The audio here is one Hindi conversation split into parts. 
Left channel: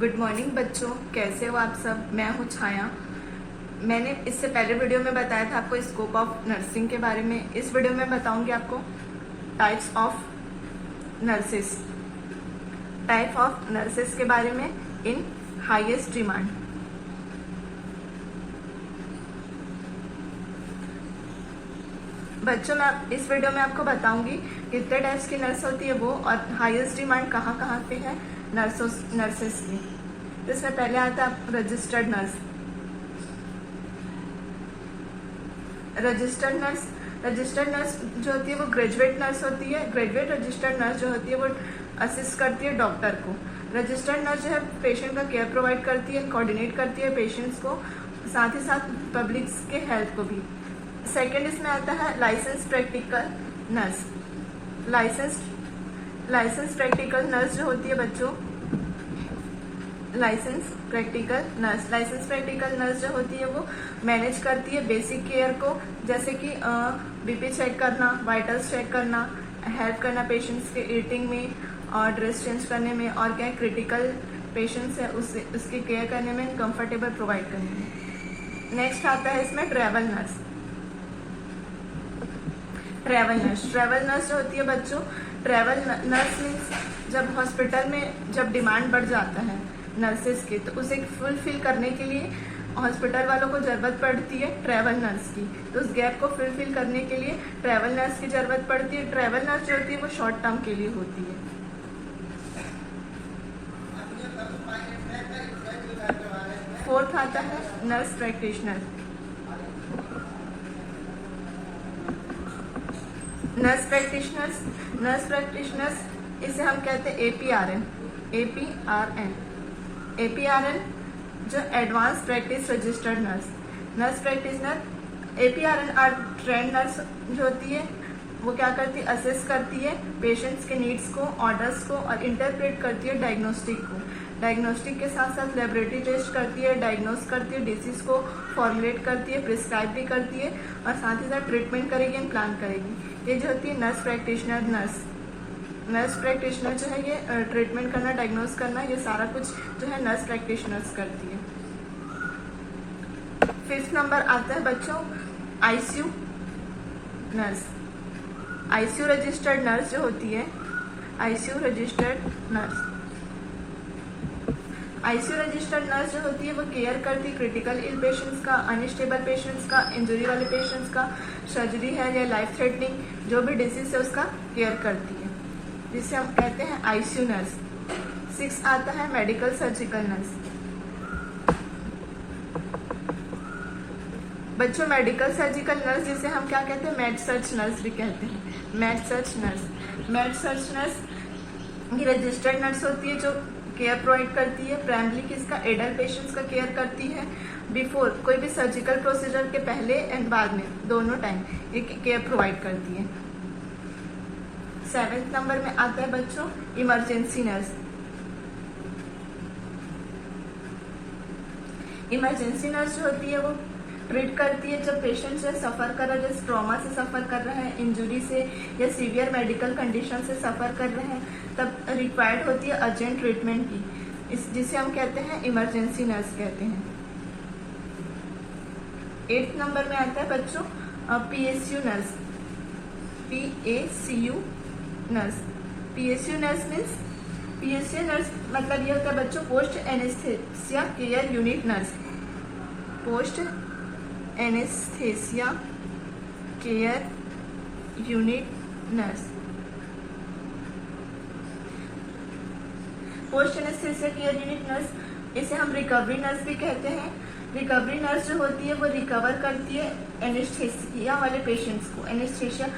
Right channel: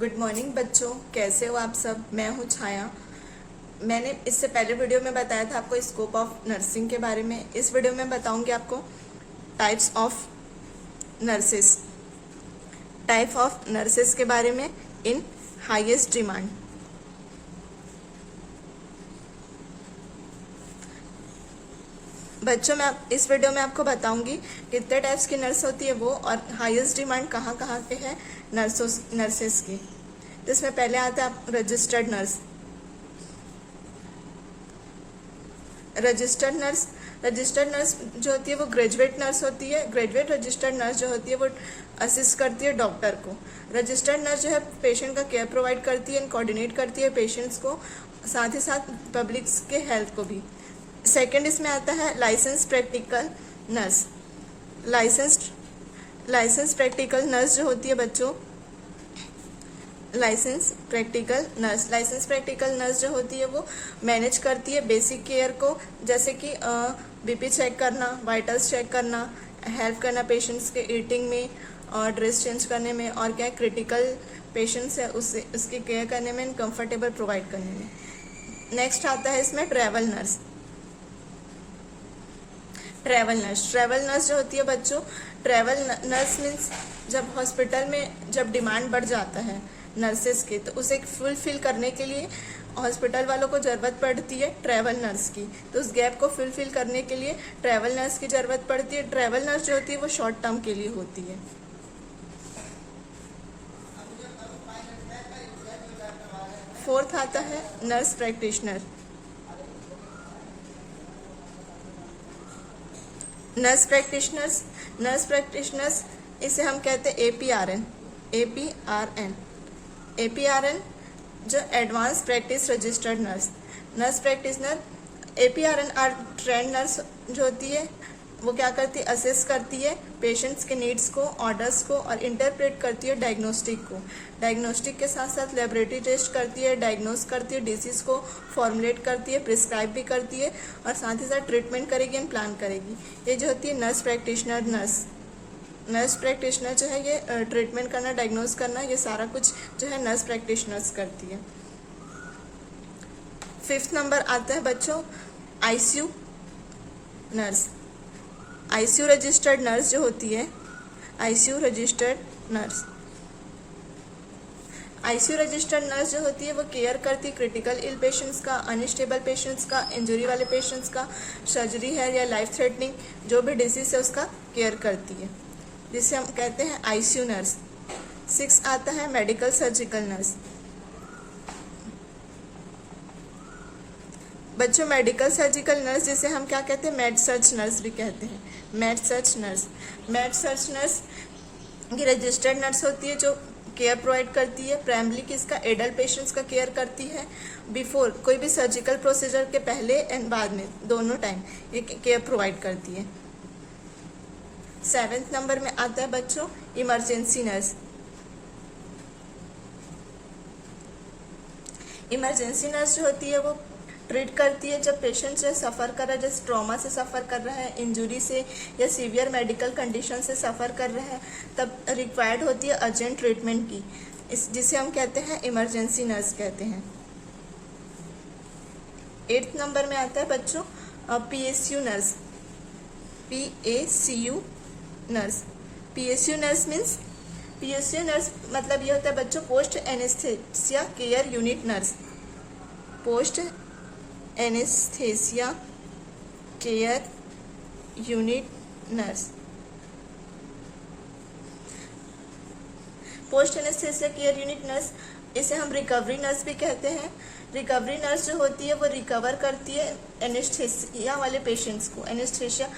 गुड मॉर्निंग बच्चों, कैसे हो आप सब। मैं हूँ छाया। मैंने इससे पहले वीडियो में बताया था आपको स्कोप ऑफ नर्सिंग के बारे में। इस वीडियो में बताऊंगी आपको टाइप्स ऑफ नर्सेस के बारे में इन हाईएस्ट डिमांड। बच्चों, मैं इस वीडियो में आपको बताऊंगी कितने टाइप्स की नर्स होती है वो, और हाईएस्ट डिमांड कहाँ कहाँ पे है नर्सेस की। जिसमें पहले आता है रजिस्टर्ड नर्स। रजिस्टर्ड नर्स जो होती है वो ग्रेजुएट नर्स होती है। ग्रेजुएट रजिस्टर्ड नर्स जो होती है वो असिस्ट करती है डॉक्टर को। रजिस्टर्ड नर्स जो है पेशेंट का केयर प्रोवाइड करती है, कोऑर्डिनेट करती है पेशेंट्स को, साथ ही साथ पब्लिक के हेल्थ को भी। सेकेंड इसमें आता है licence practical nurse. Licence practical nurse जो होती है बच्चों, लाइसेंस प्रैक्टिकल नर्स जो होती है वो मैनेज करती है बेसिक केयर को, जैसे कि बीपी चेक करना, वाइटल्स चेक करना, हेल्प करना पेशेंट्स के ईटिंग में और ड्रेस चेंज करने में, और क्या क्रिटिकल पेशेंट्स है उसकी केयर करने में, कंफर्टेबल प्रोवाइड करने में। नेक्स्ट आता है इसमें ट्रैवल नर्स जो होती है बच्चों, ट्रैवल नर्स मीन्स जब हॉस्पिटल में जब डिमांड बढ़ जाता है नर्सेस की, तो उसे फुलफिल करने के लिए हॉस्पिटल वालों को ज़रूरत पड़ती है ट्रैवल नर्स की। तो उस गैप को फुलफिल करने के लिए ट्रैवल नर्स की ज़रूरत पड़ती है। ट्रैवल नर्स जो होती है वो शॉर्ट टर्म के लिए होती है। फोर्थ आता है नर्स प्रैक्टिशनर। नर्स प्रैक्टिशनर्स इसे हम कहते हैं APRN जो advance practice registered nurse practitioner. APRN are trained nurse जो होती है वो क्या करती है, असेस करती है पेशेंट्स के नीड्स को, ऑर्डर्स को, और इंटरप्रेट करती है डायग्नोस्टिक के साथ साथ लेबोरेटरी टेस्ट करती है, डायग्नोस करती है, डिसीज को फॉर्मुलेट करती है, प्रिस्क्राइब भी करती है, और साथ ही साथ ट्रीटमेंट करेगी एंड प्लान करेगी। ये जो होती है नर्स प्रैक्टिशनर जो है ये ट्रीटमेंट करना, डायग्नोस करना, ये सारा कुछ जो है नर्स प्रैक्टिशनर्स करती है। फिफ्थ नंबर आता है बच्चों ICU रजिस्टर्ड नर्स जो होती है। ICU रजिस्टर्ड नर्स जो होती है वो केयर करती है क्रिटिकल इल पेशेंट्स का, अनस्टेबल पेशेंट्स का, इंजरी वाले पेशेंट्स का, सर्जरी है या लाइफ थ्रेटनिंग जो भी डिसीज है उसका केयर करती है, जिसे हम कहते हैं ICU नर्स। 6 आता है मेडिकल सर्जिकल नर्स। बच्चों, मेडिकल सर्जिकल नर्स जिसे हम क्या कहते हैं, मेड सर्च नर्स भी कहते हैं। मेड सर्च नर्स ये रजिस्टर्ड नर्स होती है जो केयर प्रोवाइड करती है प्राइमरी किसका, एडल्ट पेशेंट्स का केयर करती है बिफोर कोई भी सर्जिकल प्रोसीजर के पहले एंड बाद में, दोनों टाइम ये केयर प्रोवाइड करती है। 7th नंबर में आता है बच्चों इमरजेंसी नर्स। इमरजेंसी नर्स जो होती है वो ट्रीट करती है जब पेशेंट जो सफ़र कर रहा है, जैसे ट्रॉमा से सफ़र कर रहा है, इंजरी से या सीवियर मेडिकल कंडीशन से सफ़र कर रहा है, तब रिक्वायर्ड होती है अर्जेंट ट्रीटमेंट की, जिसे हम कहते हैं इमरजेंसी नर्स कहते हैं। 8th नंबर में आता है बच्चों PSU नर्स। PSU नर्स मतलब ये होता है बच्चों post anaesthesia care unit nurse. Post anaesthesia care unit nurse. Post anaesthesia care unit nurse इसे हम रिकवरी नर्स भी कहते हैं। रिकवरी नर्स जो होती है वो रिकवर करती है एनेस्थेसिया वाले पेशेंट्स को। एनेस्थेसिया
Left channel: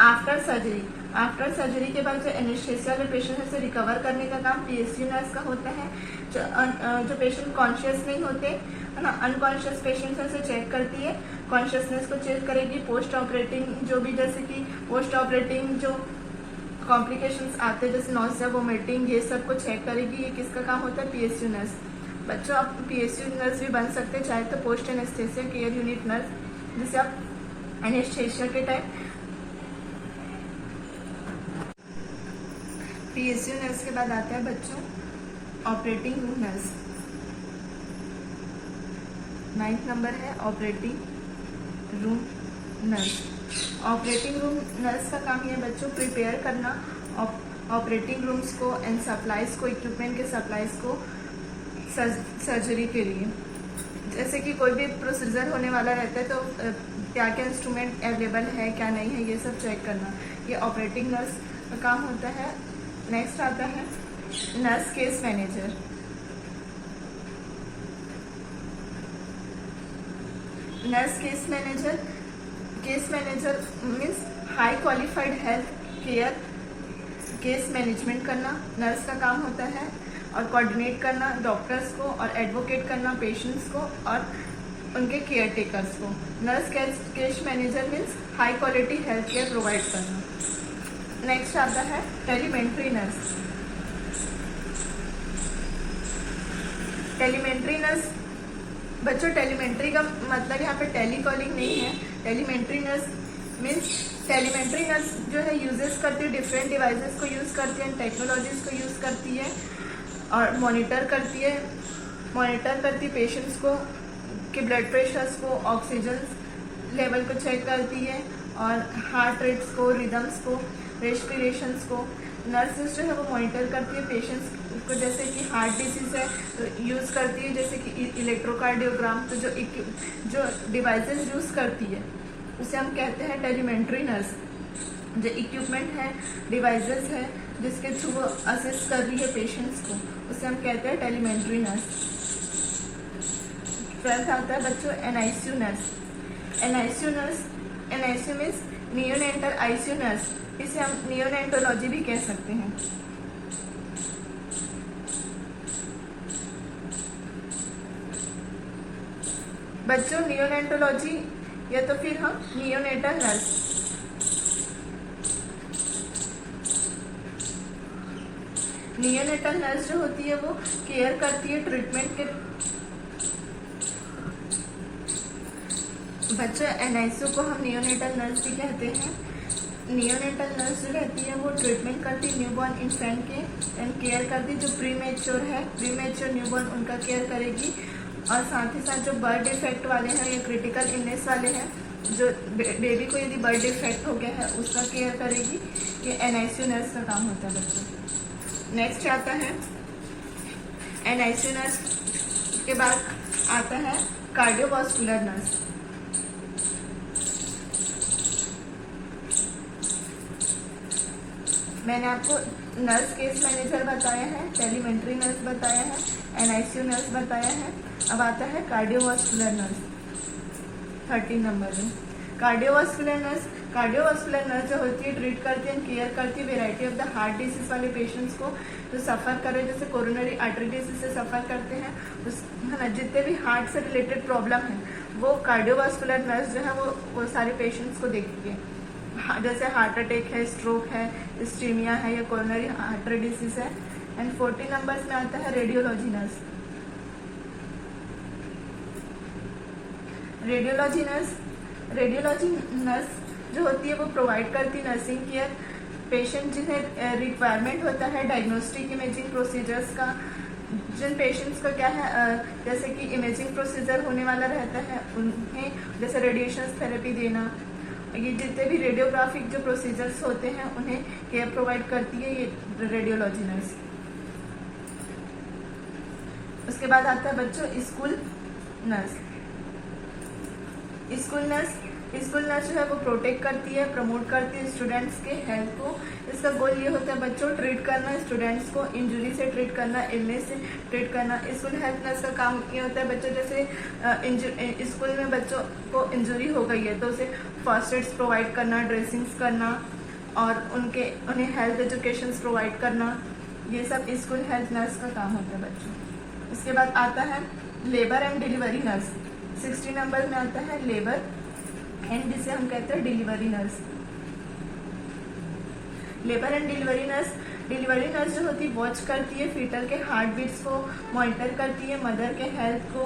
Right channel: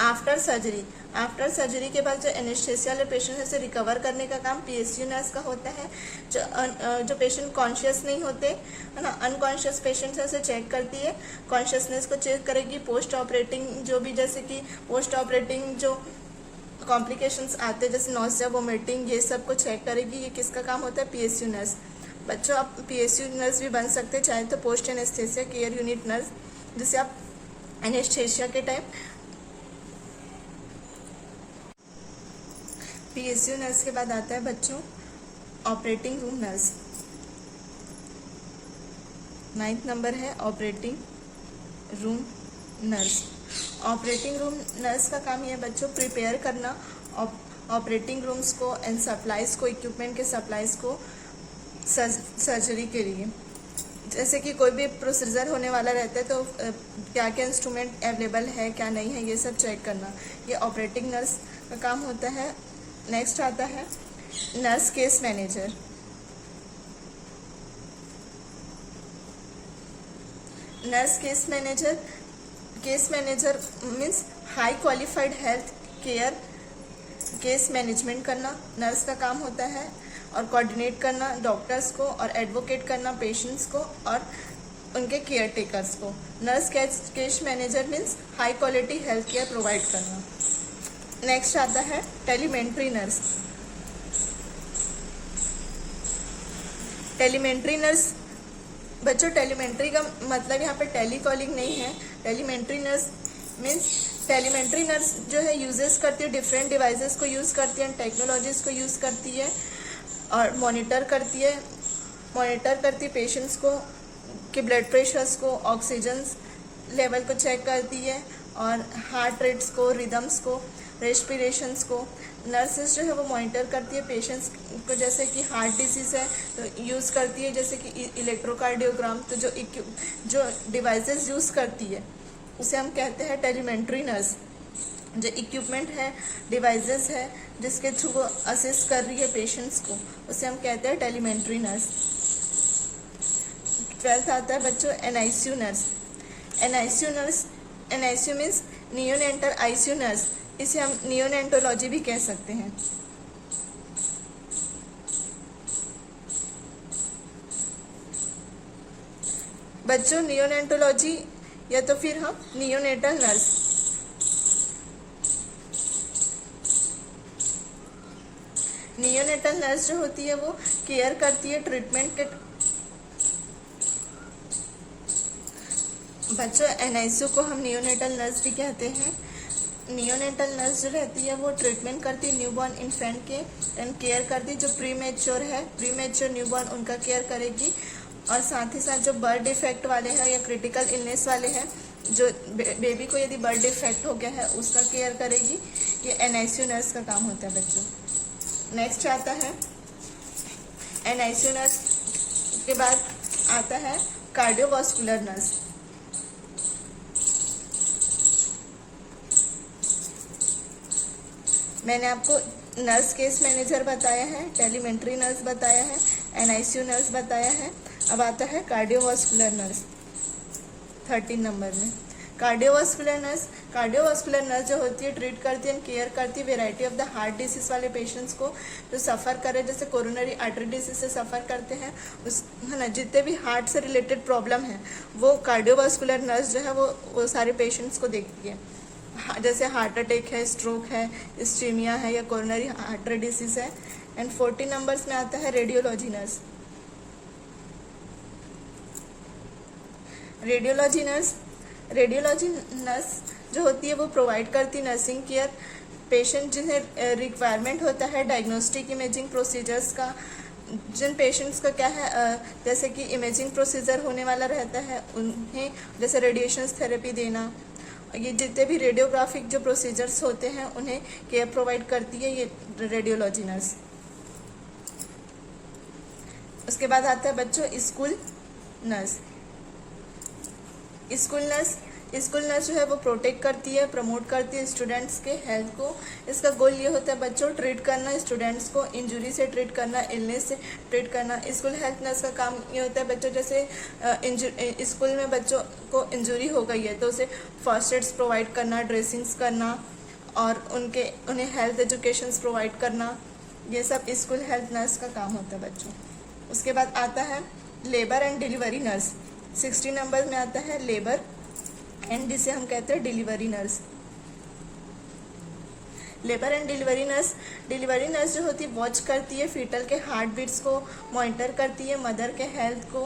आफ्टर सर्जरी के बाद जो एनेस्थेसिया वाले पेशेंट से रिकवर करने का काम PSU नर्स का होता है। जो पेशेंट कॉन्शियस नहीं होते है ना, अनकॉन्शियस पेशेंट से चेक करती है, कॉन्शियसनेस को चेक करेगी, पोस्ट ऑपरेटिंग जो भी, जैसे कि पोस्ट ऑपरेटिंग जो कॉम्प्लिकेशंस आते हैं जैसे नॉसिया, वोमिटिंग, ये सब को चेक करेगी। ये किसका काम होता है, PSU नर्स। बच्चों, आप PSU नर्स भी बन सकते हैं चाहे तो post anaesthesia care unit nurse, जिसे आप एनेस्थेसिया के टाइम PSU नर्स के बाद आता है बच्चों ऑपरेटिंग रूम नर्स। 9th नंबर है operating room nurse. Operating room nurse का काम यह बच्चों प्रिपेयर करना ऑपरेटिंग रूम्स को एंड सप्लाइज को, इक्विपमेंट के सप्लाइज को सर्जरी के लिए। जैसे कि कोई भी प्रोसीजर होने वाला रहता है तो क्या क्या इंस्ट्रूमेंट अवेलेबल है, क्या नहीं है, ये सब चेक करना, ये ऑपरेटिंग नर्स का काम होता है। नेक्स्ट आता है nurse case manager. Nurse case manager means high qualified health care case management करना नर्स का काम होता है, और कोऑर्डिनेट करना डॉक्टर्स को और एडवोकेट करना पेशेंट्स को और उनके केयर टेकर्स को। Nurse case manager means high quality health care provide करना। नेक्स्ट आता है टेलीमेंट्री नर्स। टेलीमेंट्री नर्स बच्चों, टेलीमेंट्री का मतलब यहाँ पे टेली कॉलिंग नहीं है। Telemetry nurse means telemetry nurse जो है यूजेस करती है, डिफरेंट डिवाइसेस को यूज़ करती है, टेक्नोलॉजीज को यूज़ करती है और मॉनिटर करती है पेशेंट्स को के ब्लड प्रेशर्स को, ऑक्सीजन लेवल को चेक करती है और हार्ट रेट्स को, रिदम्स को, रेस्पिरेशंस को। नर्सेस जो है वो मॉनिटर करती है पेशेंट्स को, जैसे कि हार्ट डिसीज़ है तो यूज़ करती है जैसे कि इलेक्ट्रोकार्डियोग्राम। तो जो डिवाइसेस यूज़ करती है उसे हम कहते हैं टेलीमेंट्री नर्स। जो इक्विपमेंट है, डिवाइसेस है जिसके थ्रू वो असिस्ट कर रही है पेशेंट्स को, उसे हम कहते हैं टेलीमेंट्री नर्स। 12th आता है बच्चों NICU nurse. NICU means neonatal ICU nurse. इसे हम नियोनेटोलॉजी भी कह सकते हैं। बच्चों नियोनेटोलॉजी या तो फिर हम नियोनेटल नर्स। नियोनेटल नर्स जो होती है वो केयर करती है ट्रीटमेंट के। बच्चों NICU को हम नियोनेटल नर्स भी कहते हैं। नियोनेटल नर्स जो रहती है वो ट्रीटमेंट करती है न्यूबॉर्न इन्फेंट के एंड केयर करती है जो प्रीमेच्योर न्यूबॉर्न उनका केयर करेगी, और साथ ही साथ जो बर्थ डिफेक्ट वाले हैं या क्रिटिकल इलनेस वाले हैं, जो बेबी को यदि बर्थ डिफेक्ट हो गया है उसका केयर करेगी। ये NICU नर्स का काम होता है बच्चों। नेक्स्ट आता है NICU नर्स के बाद आता है कार्डियोवास्कुलर नर्स। मैंने आपको नर्स केस मैनेजर बताया है, टेलीमेंट्री नर्स बताया है, NICU नर्स बताया है। अब आता है कार्डियोवास्कुलर नर्स 13 नंबर में। कार्डियोवास्कुलर नर्स जो होती है ट्रीट करती है, केयर करती है variety of the heart disease वाले पेशेंट्स को जो सफ़र कर रहे हैं, जैसे कोरोनरी आर्टरी डिसीज से सफ़र करते हैं, उस है ना, जितने भी हार्ट से रिलेटेड प्रॉब्लम है वो कार्डियोवास्कुलर नर्स जो है वो सारे पेशेंट्स को देखती है। जैसे हार्ट अटैक है, स्ट्रोक है, इस्टीमिया है या कोरोनरी आर्टरी डिसीज है। एंड 40 नंबर्स में आता है रेडियोलॉजी नर्स। रेडियोलॉजी नर्स जो होती है वो प्रोवाइड करती है नर्सिंग केयर पेशेंट जिन्हें रिक्वायरमेंट होता है डायग्नोस्टिक इमेजिंग प्रोसीजर्स का। जिन पेशेंट्स का क्या है जैसे कि इमेजिंग प्रोसीजर होने वाला रहता है उन्हें जैसे रेडिएशन थेरेपी देना, ये जितने भी रेडियोग्राफिक जो प्रोसीजर्स होते हैं उन्हें केयर प्रोवाइड करती है ये रेडियोलॉजी नर्स। उसके बाद आता है बच्चों स्कूल नर्स। स्कूल नर्स जो है वो प्रोटेक्ट करती है, प्रमोट करती है स्टूडेंट्स के हेल्थ को। इसका गोल ये होता है बच्चों ट्रीट करना स्टूडेंट्स को, इंजरी से ट्रीट करना, इलनेस से ट्रीट करना। स्कूल हेल्थ नर्स का काम ये होता है बच्चों जैसे स्कूल में बच्चों को इंजरी हो गई है तो उसे फर्स्ट एड्स प्रोवाइड करना, ड्रेसिंग्स करना और उन्हें हेल्थ एजुकेशंस प्रोवाइड करना, ये सब स्कूल हेल्थ नर्स का काम होता है बच्चों। उसके बाद आता है labour and delivery nurse. 60 number में आता है लेबर एंड जिसे हम कहते हैं delivery nurse. Labour and delivery nurse जो होती है वॉच करती है फीटल के हार्ट बीट्स को, मॉनिटर करती है मदर के हेल्थ को।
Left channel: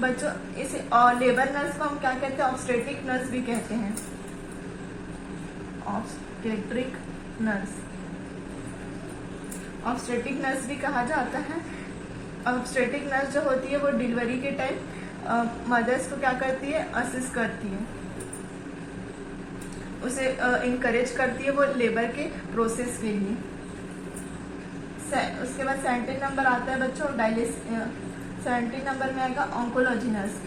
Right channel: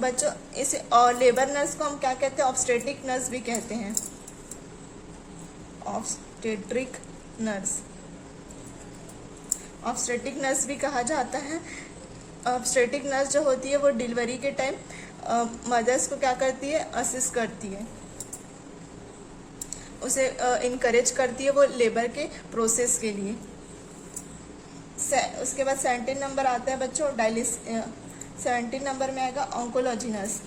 बच्चों इसे और लेबर नर्स को हम क्या कहते हैं, ऑब्स्टेट्रिक नर्स भी कहते हैं, ऑब्स्टेट्रिक नर्स। ऑब्स्टेट्रिक नर्स भी कहा जाता है। ऑब्स्टेट्रिक नर्स जो होती है वो डिलीवरी के टाइम मदर्स को क्या करती है, असिस्ट करती है, उसे इनकरेज करती है वो लेबर के प्रोसेस के लिए। उसके बाद 17 नंबर आता है बच्चों 17 नंबर में आएगा ऑन्कोलॉजी नर्स।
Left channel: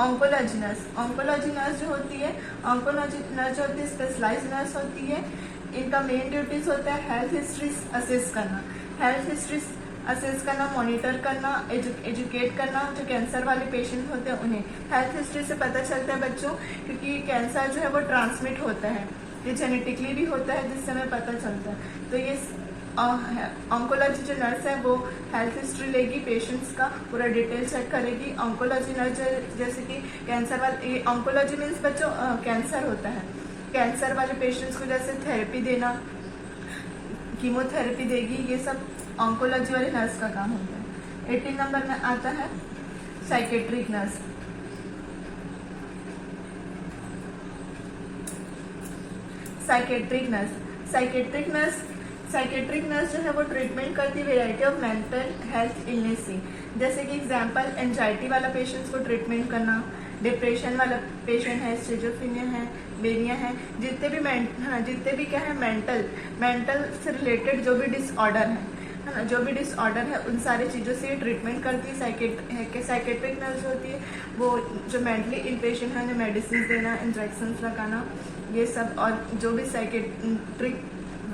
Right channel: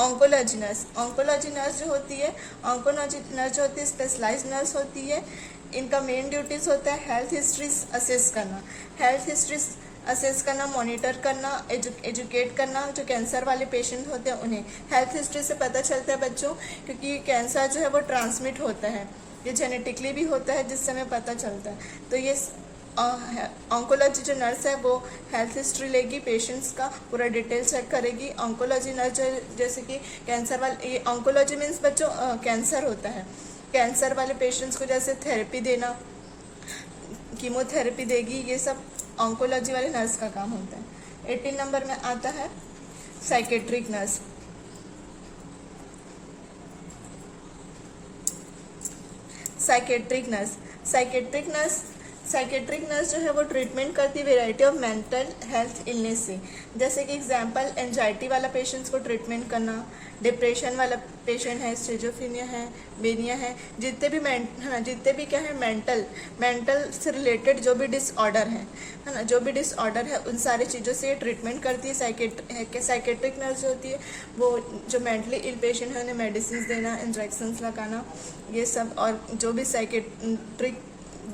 ऑन्कोलॉजी नर्स जो होती है, ऑन्कोलॉजी नर्स जो होती है स्पेशलाइज नर्स होती है। इनका मेन ड्यूटीज होता है हेल्थ हिस्ट्री असेस करना, मॉनिटर करना, एजुकेट करना। जो कैंसर वाले पेशेंट होते हैं उन्हें हेल्थ हिस्ट्री से पता चलता है बच्चों, क्योंकि कैंसर जो है वो ट्रांसमिट होता है, ये जेनेटिकली भी होता है, जिससे हमें पता चलता है। तो ये ऑन्कोलॉजी जो नर्स है वो हेल्थ हिस्ट्री लेगी, पेशेंट्स का पूरा डिटेल चेक करेगी। ऑन्कोलॉजी नर्स जैसे कि कैंसर वाले, ये ऑन्कोलॉजी मीन्स बच्चों कैंसर होता है, कैंसर वाले पेशेंट्स को जैसे थेरेपी देना, कीमोथेरेपी देगी, ये सब ऑन्कोलॉजी वाले नर्स का काम होता है। 18 नंबर में आता है साइकेट्रिक नर्स। साइकेट्रिक नर्स जो है वो ट्रीटमेंट करती है variety of mental health illness से। जैसे कि एग्जांपल एंजाइटी वाला पेशेंट्स को ट्रीटमेंट करना, डिप्रेशन वाला पेशेंट है, स्किज़ोफ्रेनिया है, मेनिया है, जितने भी क्या है मेंटल से रिलेटेड जो भी डिसऑर्डर है ना, जो भी डिसऑर्डर है उन सारी चीज़ों से ट्रीटमेंट करती है। साइकेट्रिक नर्स होती है वो जो मेंटली इल पेशेंट है उन्हें मेडिसिन देना, इंजेक्शंस लगाना, ये सब, और जो भी साइकेट्रिक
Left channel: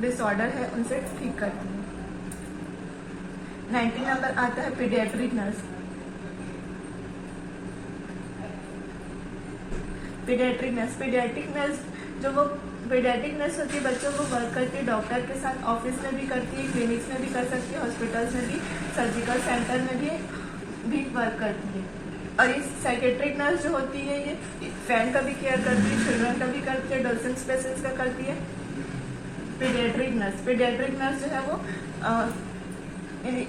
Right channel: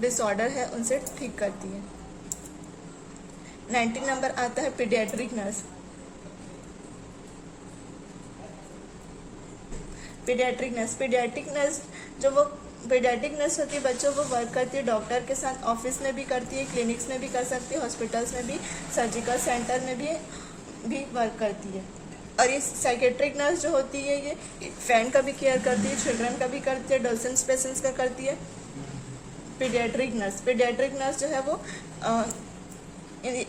डिसऑर्डर है उनसे ठीक करती है। 19 नंबर आता है पीडियाट्रिक नर्स। पीडियाट्रिक नर्स होती है बच्चों को वर्क करती है डॉक्टर के साथ, ऑफिस में भी करती है, क्लिनिक्स में भी कर सकती है, हॉस्पिटल्स में भी, सर्जिकल सेंटर में भी वर्क करती है। और इस साइकेट्रिक नर्स जो होती है ये फैन का भी केयर करती है, चिल्ड्रन का भी करती है, एडोलसेंट पेशेंट्स का करती है। पीडियाट्रिक नर्स जो है वो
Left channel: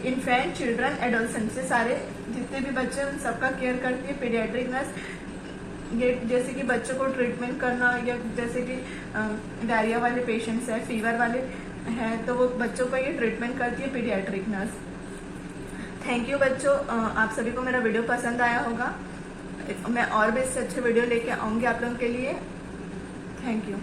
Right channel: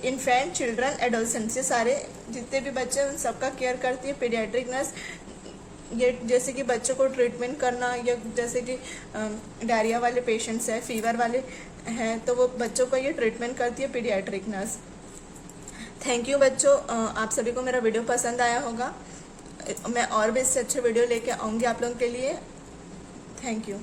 इन्फेंट, चिल्ड्रन, एडोलसेंट से सारे जितने भी बच्चे हैं उन सबका केयर करती है पीडियाट्रिक नर्स। ये जैसे कि बच्चों को ट्रीटमेंट करना, या जैसे कि डायरिया वाले पेशेंट्स हैं, फीवर वाले हैं, तो वो बच्चों को ये ट्रीटमेंट करती है पीडियाट्रिक नर्स। थैंक यू बच्चों, आप सभी को मेरा वीडियो पसंद आया होगा। मैं और भी इससे अच्छे वीडियो लेके आऊँगी आप लोगों के लिए। Thank you.